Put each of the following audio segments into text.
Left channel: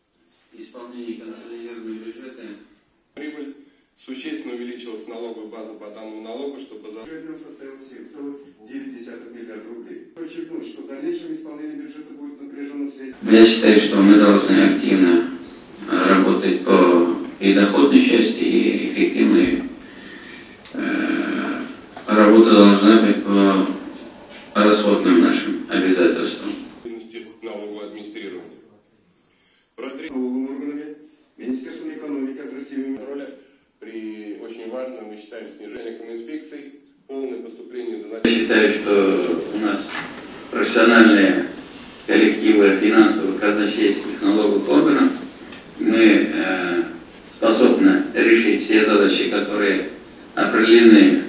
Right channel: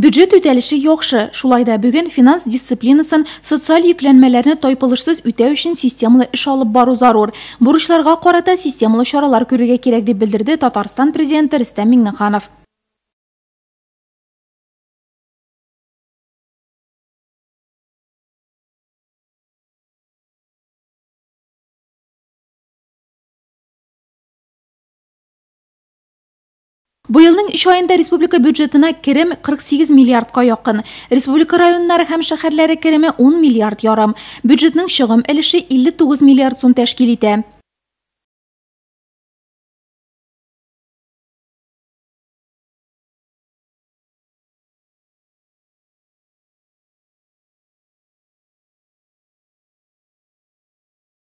Бюджет үтәлеше яхшы. Шулай да бүген финанс дисциплинасын, социаль йөкләнмәләрне тайпылышсыз үтәү өчен системалы эш алып бару зарур. Бурычларга карата системалы чаралар күрергә кирәк дип белдерде Татарстан президенты Рөстәм Миңнеханов. Я считаю, что мы должны активно работать по и доходной части, и эффективной работа должна быть по расходным нашим обязательствам. Быелның 3 айында республика бюджетына керем 48 миллиардка якын. Республика районнары һәм шәһәрләре кереме 10 миллиард ярым. Бюджетның чыгым өлеше 59 миллиард сум тәшкил итә. Я считаю, что у нас профессиональные коллективы финансовых, казначейских, налоговых органов, мы способны решить все задачи, которые определены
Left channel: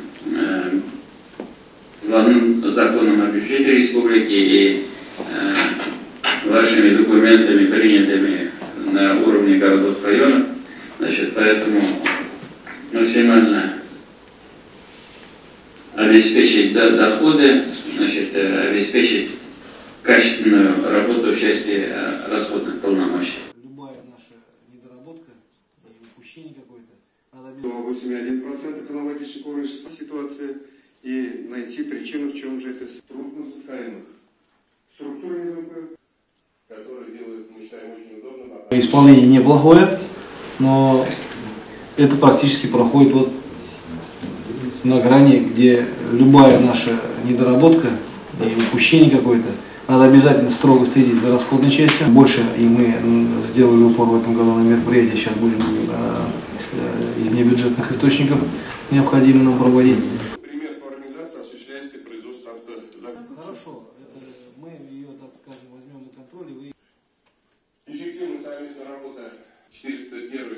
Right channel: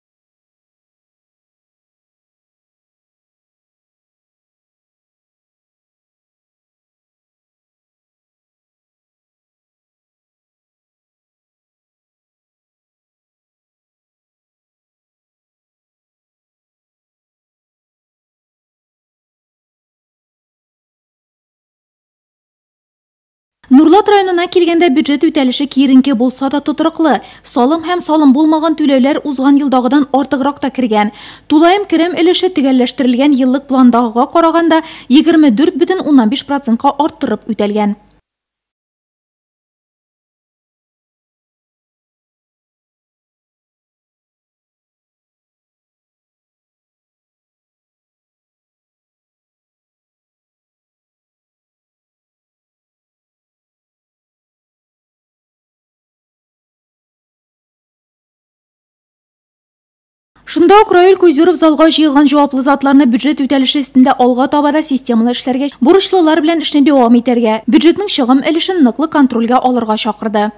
законом о бюджете республики и вашими документами, принятыми на уровне городов, районов. Значит, поэтому максимально обеспечить доходы, значит, обеспечить качественную работу в части расходных полномочий. Нурлат районына килгәндә бюджет үтәлеше киеренке булса да тотрыклы. Салым һәм салым булмаган түләүләр узган елдагыдан артыграк та кергән. Тулаем керем өлеше төгәлләштерелгән еллык пландагыга караганда 24,5%-ка арттырып үтәлгән. Исполнение неплохое, но это практически проходит вот на грани, где любая наша недоработка и упущение какое-то, надо обязательно строго следить за расходной частью. Больше и мы сделали упор в этом году на мероприятие. Сейчас будем из небюджетных источников необходимо нам проводить. Шунда ук Раил Куйзуров залга җыелган җаваплы затларны бюджет үтәлеше өстендә алга табада системалы эшләргә, бурычлылар белән эшне дәвам итәргә, бюджетның чыгым өлешен ныклы контрольгә алырга чакырды.